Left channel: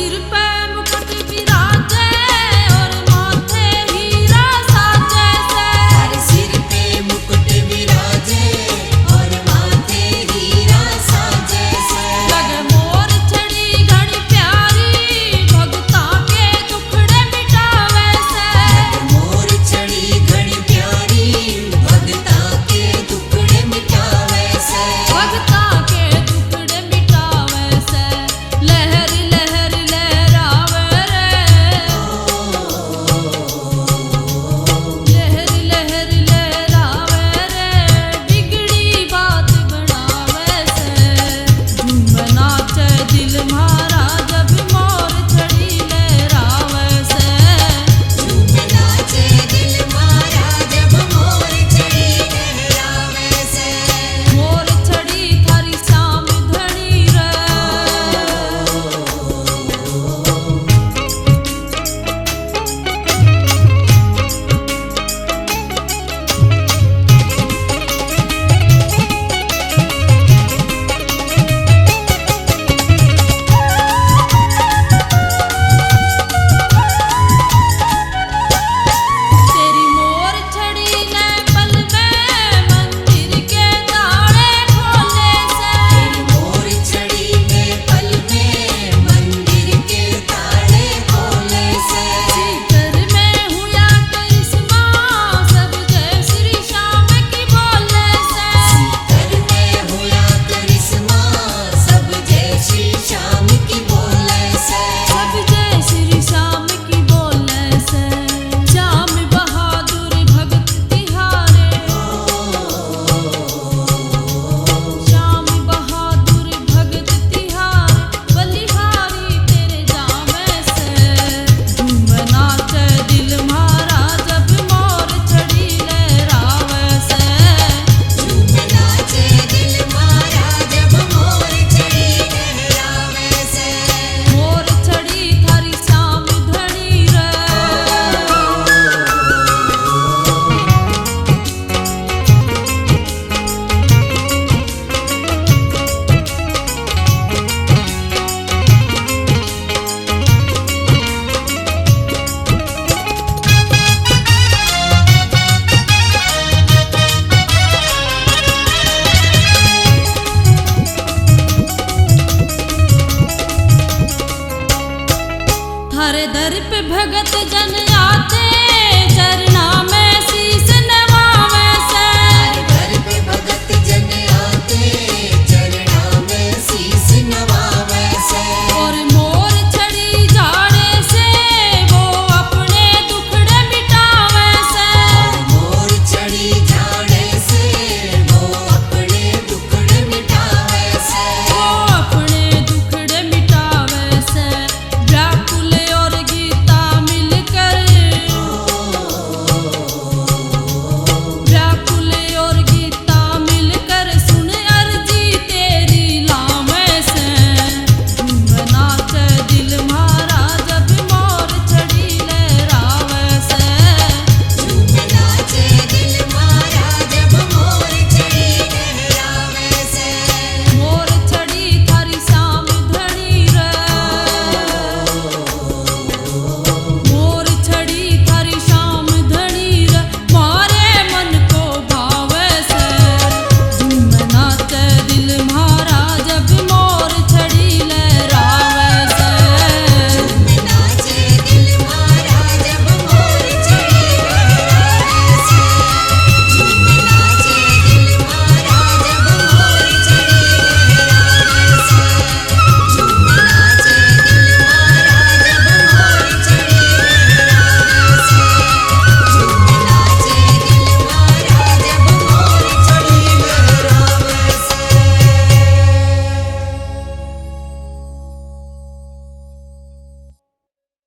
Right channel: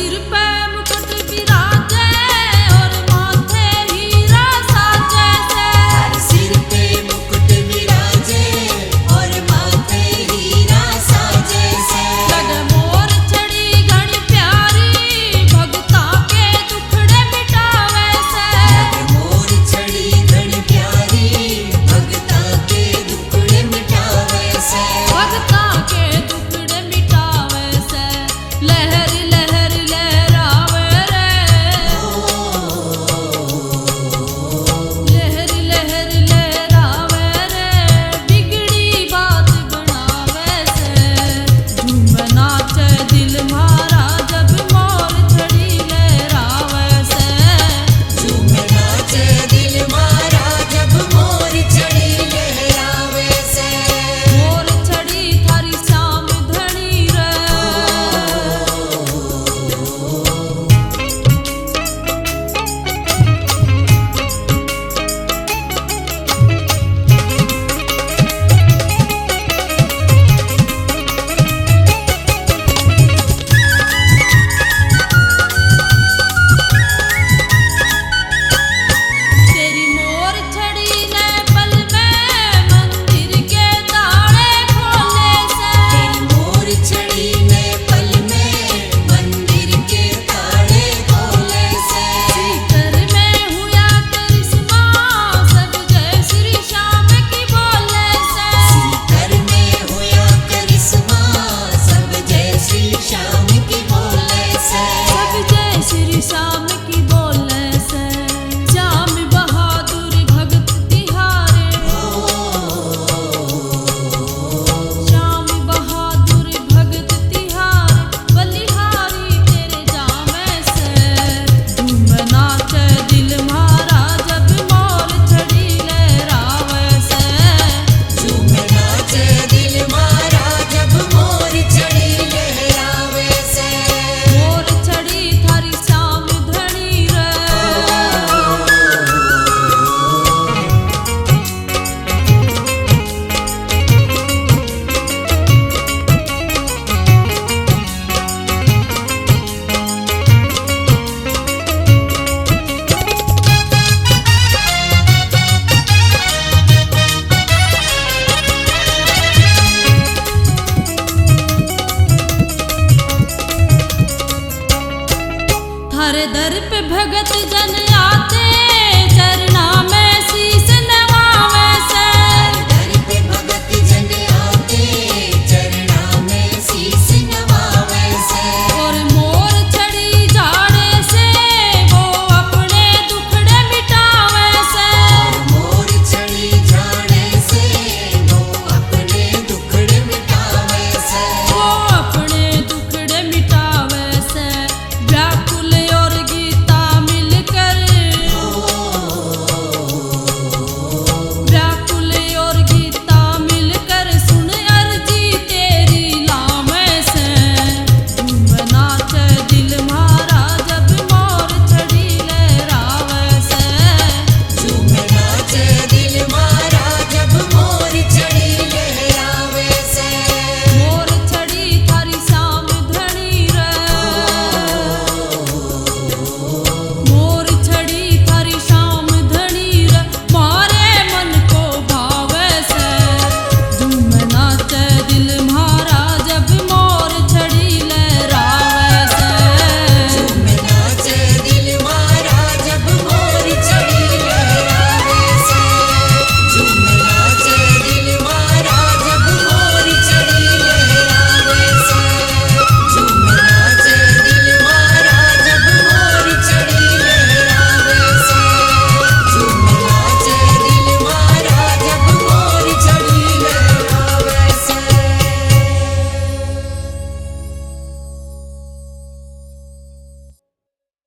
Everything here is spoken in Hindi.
सिर पे मुकुट विराजे और माथे हीरा साजे से। हर सिर पे मुकुट विराजे और माथे हीरा साजे से। लगे मोर छड़ी घनी प्यारी भगता के दुखड़े मिटावे से। मोर छड़ी घनी प्यारी भगता के दुखड़े मिटावे से। भगता के दुखड़े मिटावे से। लहर लहर लहरावे रे। लहर लहर लहरावे रे। बिगड़ी बात बनावे से। झूम नाचे दिल मारा जब मोर छड़ी लहरावे से। झूम नाचे दिल मारा जब मोर छड़ी लहरावे से। मोर छड़ी थारी श्याम धनी रे। तेरी मोर छड़ी ने पल में मंदिर के ताले खोले से। मोर छड़ी ने पल में मंदिर के ताले खोले से। सीकर में हुआ करिश्मा सब जय श्री श्याम की बोले से। घर में हुआ करिश्मा सब जय श्री श्याम की बोले से। सब जय श्री श्याम की बोले से। श्याम बहादुर भगत तिहारे। श्याम बहादुर भगत तिहारे बलिहारी तेरे जामे से। झूम नाचे दिल मारा जब मोर छड़ी लहरावे से। झूम नाचे दिल मारा जब मोर छड़ी लहरावे से। मोर छड़ी थारी श्याम धनी रे। थारे दर पे भगत जन आते चरना में